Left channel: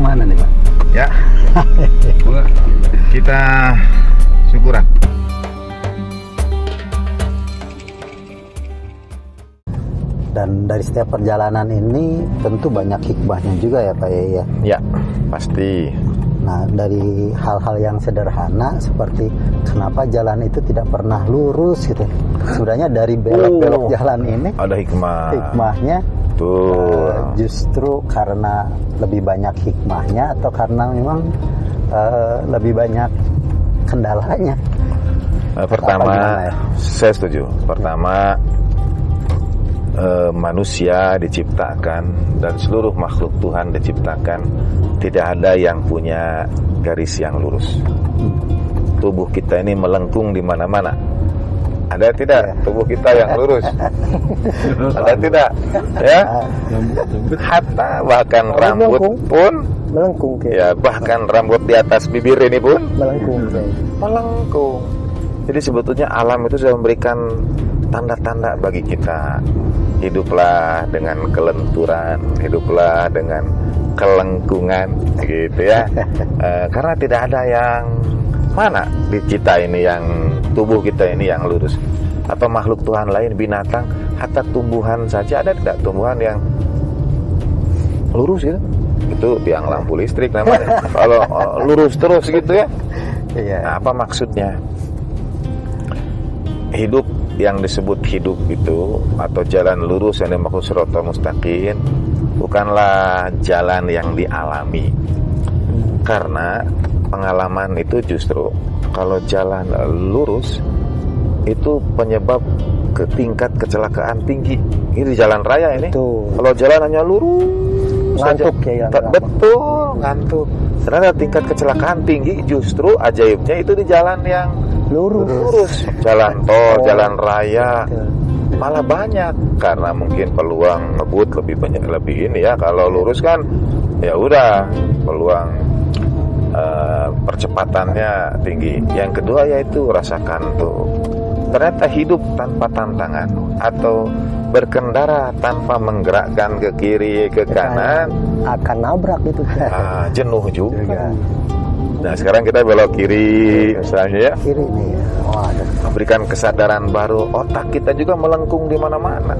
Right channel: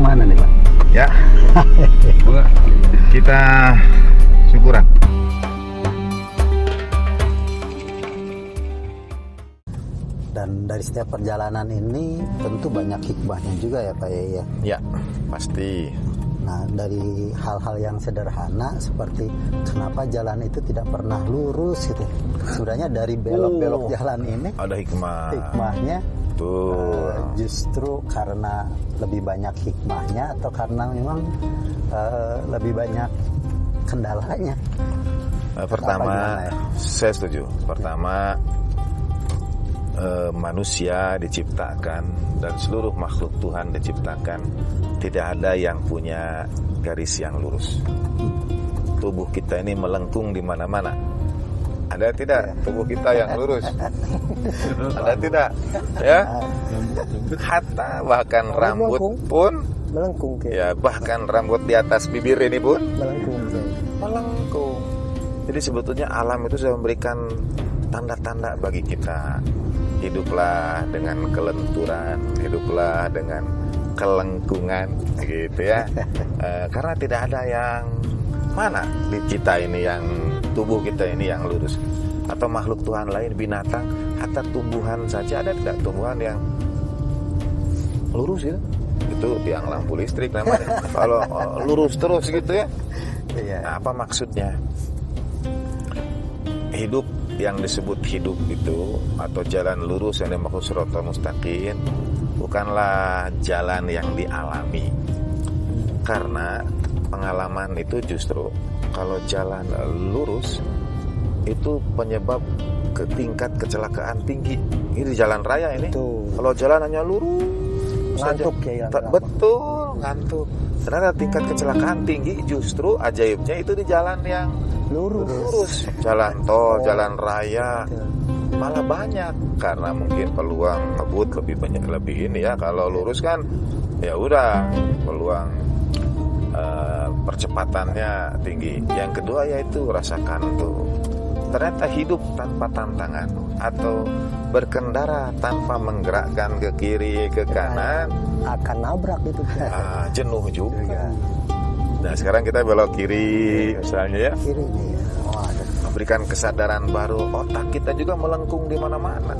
kemana nih Pak? Ya, kita syukuran. Dan dari setiap perjalanan ini tentu banyak hikmahnya juga ya Pak ya. Ya, pasti. Nah, dari hal-hal yang sederhana seperti kenapa jalan itu tidak pernah lurus gitu. Sebenarnya dari belok-belok jalan ini Ada hikmahnya Tuh. justru karena lebih banyak hikmahnya atau karena memang lebih banyak kendalanya. Pertama, ya? saya setuju. Pertama, manusia diciptakan dan seluruh makhluk Tuhan diciptakan tidak ada yang punya garis yang lurus. Tubuh kita ini melengkung di mana-mana. Ada tidak tubuh kita yang lurus? Ada tidak? Ya. Hatta bahkan rambut pun Melengkung ya, bahkan rambut di atas bibir ini pun melengkung. melengkung. Jadi sebetulnya alam itu sudah memberikan tanda-tanda bagi kita. Hiduplah dengan kelenturan, hiduplah dengan kelengkungan, gitu ya. Karena tidak ada yang mana di kita ini yang tubuh kita ini yang lurus, atau makhluk Tuhan lain, binatang, hatta tumbuhan saja ada tidak tumbuhan yang lurus gitu? Itu yang lampu listrik namanya. Kalau lurus terus gitu ya. Nah, apa maksudnya? Hidup yang disebut hidup itu atau jalan lurus yang dimaksud shiratal mustaqim bukanlah jalan yang dialami. Karena pengalaman itu justru kalau jalan lurus itu penyebab ke tingkat kecelakaan tinggi. Ini di jalan raya ini. Kalau jalan hanya lurus Ngantuk ya. Betul, ngantuk. Ternyata tingkat kecelakaan tinggi justru ajaibnya itu di jalan yang lurus. Jalan tol, jalan raya malah banyak karena mungkin peluang ngebut lebih banyak, lebih ini ya. Kalau lurus kan ya udah peluang percepatannya tinggi. Yang kedua yaitu rasakan tuh, ternyata hidup tanpa tantangan atau berkendara tanpa menggerakkan ke kiri ke kanan akan nabrak itu. Jenuh juga. Nah sekarang kita belok kiri misalnya ya, Kiri nih. memberikan kesadaran baru. Otak kita juga melengkung di mana-mana.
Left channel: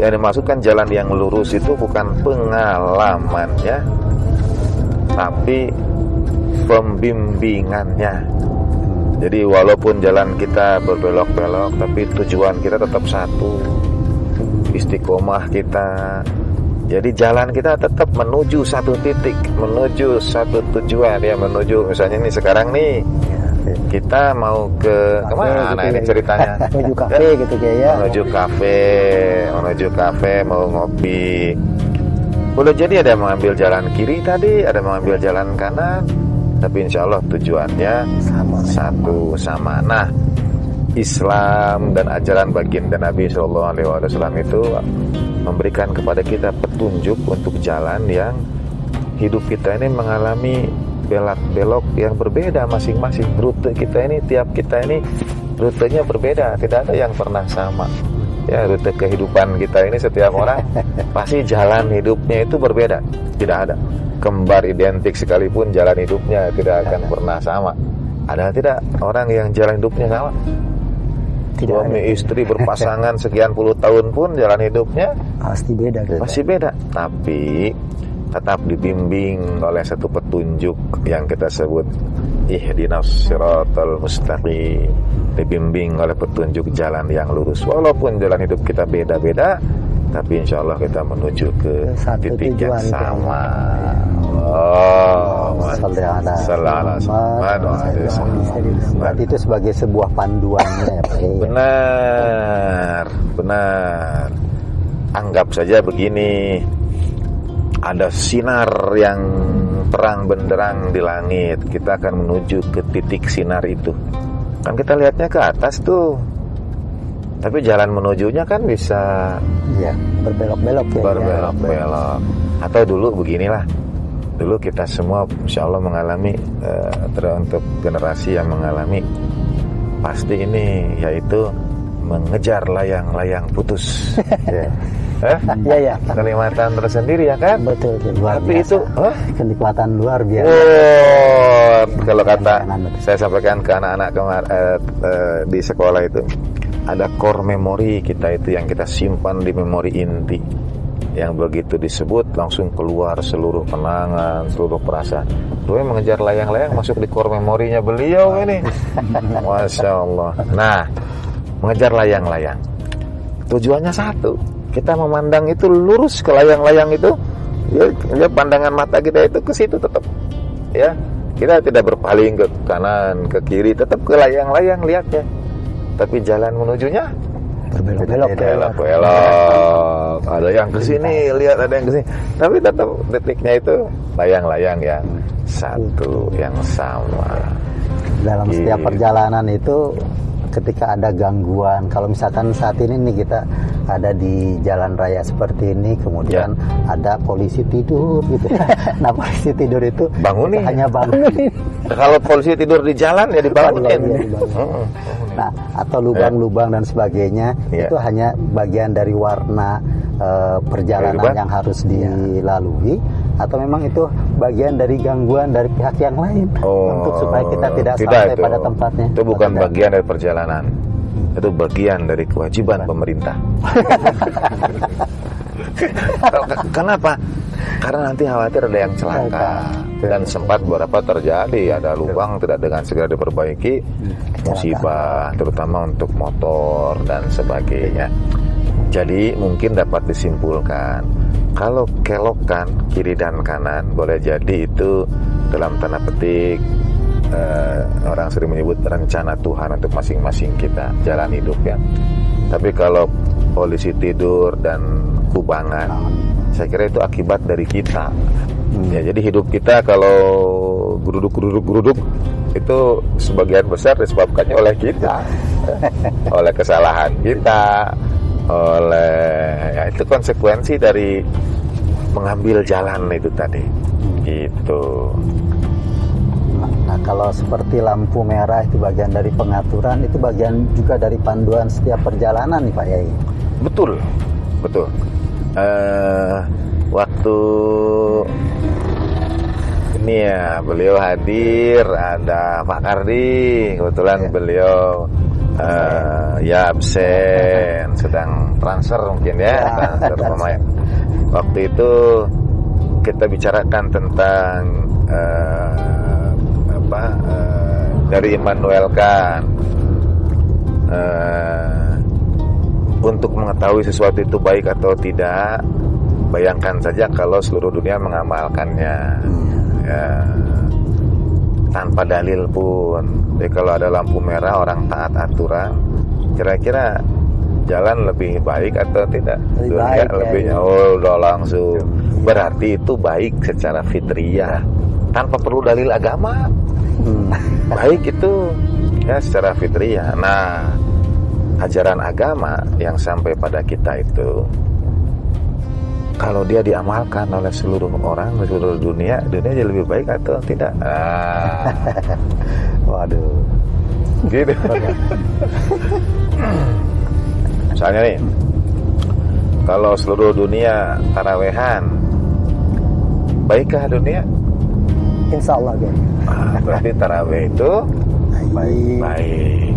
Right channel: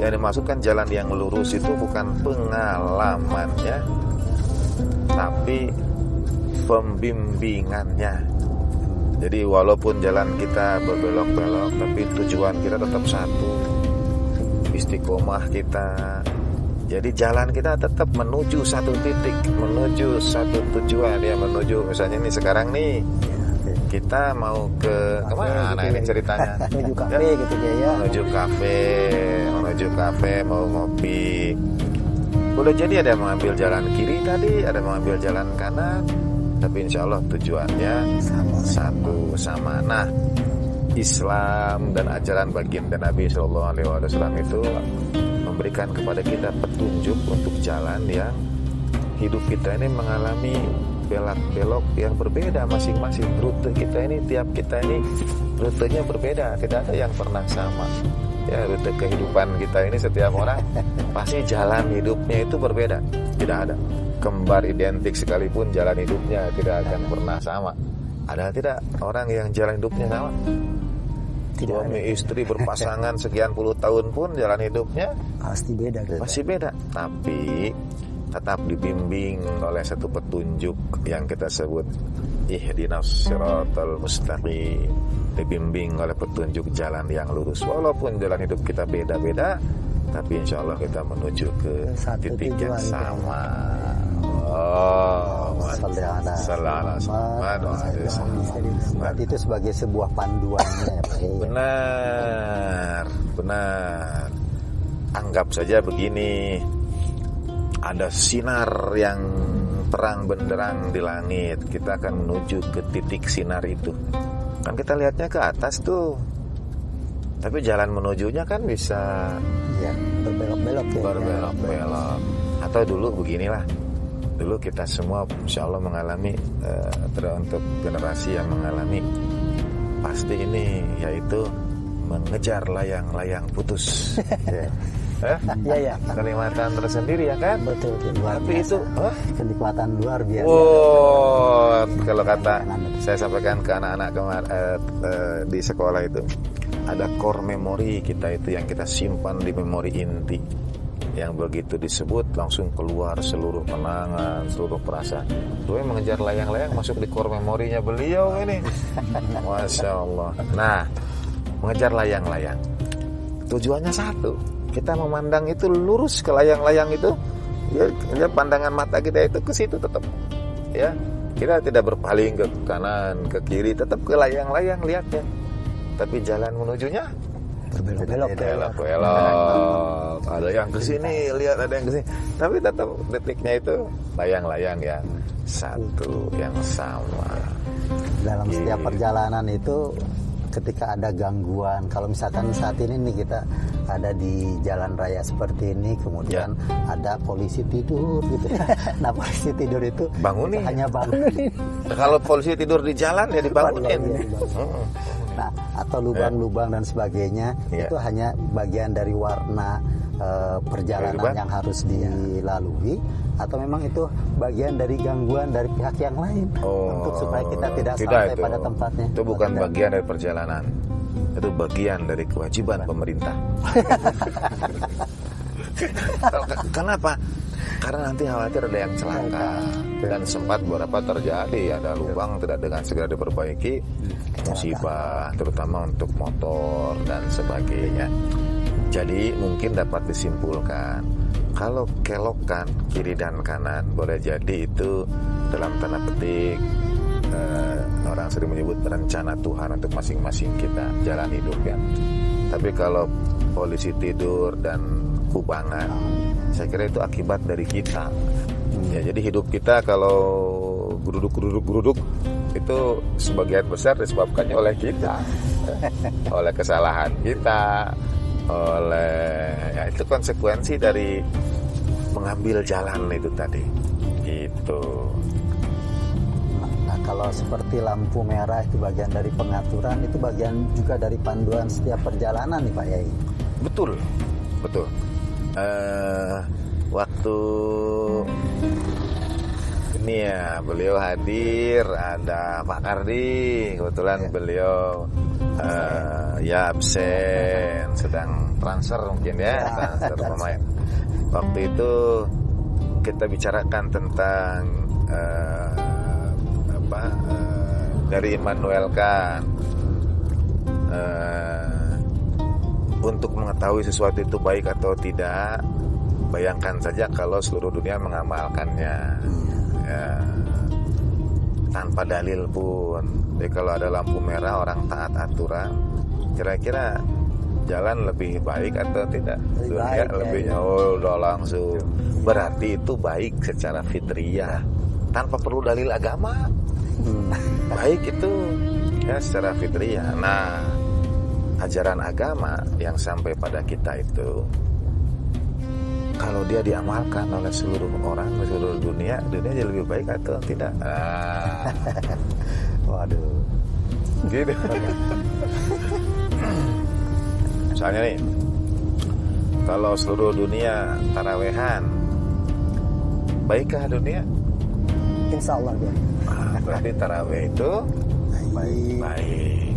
Yang dimaksudkan jalan yang lurus itu bukan pengalamannya, tapi pembimbingannya. Jadi walaupun jalan kita berbelok-belok, tapi tujuan kita tetap satu, istiqomah kita. Jadi jalan kita tetap menuju satu titik, menuju satu tujuan ya, menuju misalnya nih sekarang nih kita mau ke kemana gitu ini ceritanya? Menuju kafe gitu ya. Menuju kafe mau ngopi. Boleh jadi ada yang mengambil jalan kiri tadi, ada yang mengambil jalan kanan, tapi insya Allah tujuannya sama. Nah, Islam dan ajaran baginda Nabi SAW itu memberikan kepada kita petunjuk untuk jalan yang hidup kita ini mengalami belok-belok yang berbeda masing-masing. Rute kita ini, tiap kita ini rutenya berbeda, tidak ada yang pernah sama. Ya, rute kehidupan kita ini setiap orang pasti jalan hidupnya itu berbeda, tidak ada. Kembar identik sekalipun jalan hidupnya tidak akan pernah sama. Ada tidak orang yang jalan hidupnya sama? Suami istri berpasangan sekian puluh tahun pun jalan hidupnya pasti beda. Pasti beda. Tapi tetap dibimbing oleh satu petunjuk yang kita sebut ihdinas siratal mustaqim. Dibimbing oleh petunjuk jalan yang lurus. Walaupun jalan hidup kita beda-beda, tapi insya Allah kita menuju ke titik yang sama. Berarti itu sebagai sebuah panduannya ya Pak. Benar. Anggap saja begini, ada sinar yang terang benderang di langit, kita akan menuju ke titik sinar itu. Kan kita lihatnya ke atas tuh, tapi jalan menujunya kan bisa berbelok-belok ya. Berbelok-belok. Atau dulu beginilah, dulu kita semua insya Allah mengalami, untuk generasi yang mengalami pasti ini, yaitu mengejar layang-layang putus. Iya, iya. Kenikmatan tersendiri ya kan. Betul, luar Tapi biasa. itu Kenikmatan luar biasa. oh, kalau kata saya sampaikan ke anak-anak di sekolah itu, ada core memory kita itu yang kita simpan di memori inti, yang begitu disebut langsung keluar seluruh kenangan, seluruh perasaan. Gue mengejar layang-layang masuk di core memorinya beliau ini. Masya Allah. Nah, mengejar layang-layang tujuannya satu, kita memandang itu lurus ke layang-layang itu, ya pandangan mata kita itu ke situ tetap, ya kita tidak berpaling ke kanan ke kiri, tetap ke layang-layang lihatnya, tapi jalan menujunya belok-belok, ada yang ke sini lihat, ada yang ke sini, tapi tetap detiknya itu layang-layang yang satu, yang sama. Dalam setiap perjalanan itu ketika ada gangguan, kalau misalkan saat ini nih kita ada di jalan raya seperti ini, kemudian ada polisi tidur gitu. Nah, polisi tidur itu bangunin, hanya bangunin. Kalau polisi tidur di jalan ya dibangunin. Nah, atau lubang-lubang dan sebagainya, itu hanya bagian dari warna perjalanan yang harus dilalui, atau memang itu bagian dari gangguan dari pihak yang lain untuk supaya kita tidak sampai itu pada tempatnya. Itu bukan bagian dari perjalanan, itu bagian dari kewajiban pemerintah. Kenapa? Karena nanti khawatir ada yang celaka, dan sempat beberapa terjadi, ada lubang tidak dengan segera diperbaiki, musibah terutama untuk motor dan sebagainya. Jadi mungkin dapat disimpulkan, kalau kelokan kiri dan kanan boleh jadi itu dalam tanda petik orang sering menyebut rencana Tuhan untuk masing-masing kita jalan hidup ya. Tapi kalau polisi tidur dan kubangan, saya kira itu akibat dari kita. Ya, jadi hidup kita kalau geruduk itu sebagian besar disebabkannya oleh kita, oleh kesalahan kita, oleh itu konsekuensi dari mengambil jalan itu tadi. Gitu. Nah, kalau seperti lampu merah itu bagian dari pengaturan, itu bagian juga dari panduan setiap perjalanan nih Pak Yai. Betul. Waktu ini ya beliau hadir, ada Pak Kardi, kebetulan beliau ya absen, sedang transfer mungkin ya, transfer pemain. Waktu itu kita bicarakan tentang dari Immanuel Kant, untuk mengetahui sesuatu itu baik atau tidak, bayangkan saja kalau seluruh dunia mengamalkannya, ya, tanpa dalil pun. Jadi kalau ada lampu merah orang taat aturan, kira-kira jalan lebih baik atau tidak? Lebih baik, lebih udah langsung. Berarti itu baik secara fitriyah, tanpa perlu dalil agama. Baik itu ya secara fitriyah. Nah, ajaran agama yang sampai pada kita itu, kalau dia diamalkan oleh seluruh orang di seluruh dunia jadi lebih baik atau tidak? Waduh. Gitu. Misalnya nih, kalau seluruh dunia tarawehan, baikkah dunia? Insya Allah ya. Berarti taraweh itu baik.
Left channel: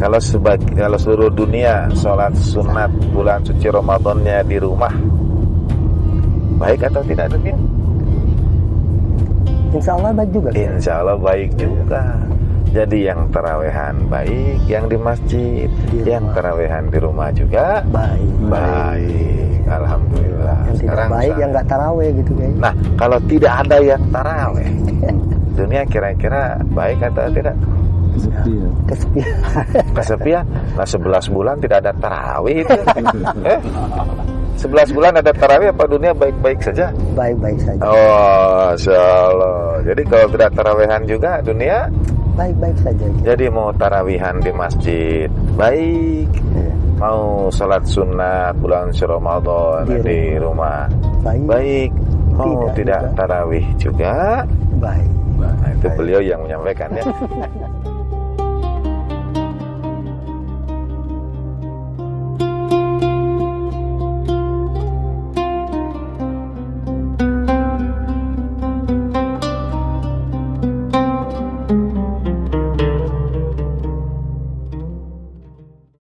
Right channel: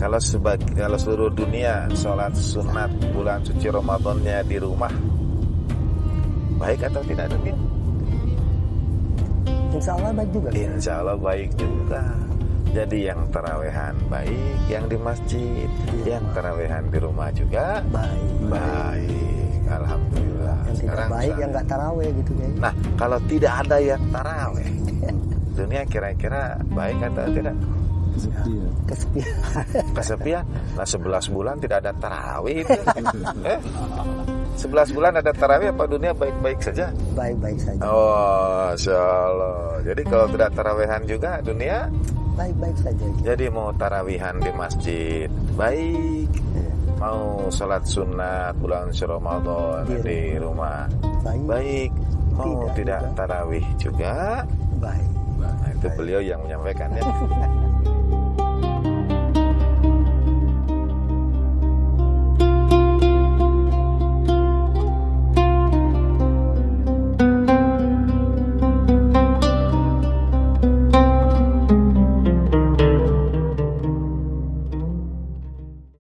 Kalau seluruh dunia sholat sunat bulan suci Ramadannya di rumah, baik atau tidak dunia? Insya Allah baik juga. Insya Allah baik juga. Jadi yang tarawehan baik, yang di masjid, yang tarawehan di rumah juga baik. Alhamdulillah. Yang tidak baik yang nggak taraweh gitu ya. Nah, kalau tidak ada yang taraweh, dunia kira-kira baik atau tidak? Kesepian. Nah, 11 bulan tidak ada tarawih itu. 11 bulan ada tarawih, apa dunia baik-baik saja? Baik-baik saja. Oh, insyaallah. Jadi kalau tidak tarawihan juga dunia baik-baik saja. Jadi mau tarawihan di masjid baik, mau sholat sunat bulan Ramadan di rumah baik, mau tidak tarawih juga baik. Nah, itu beliau yang menyampaikan ya.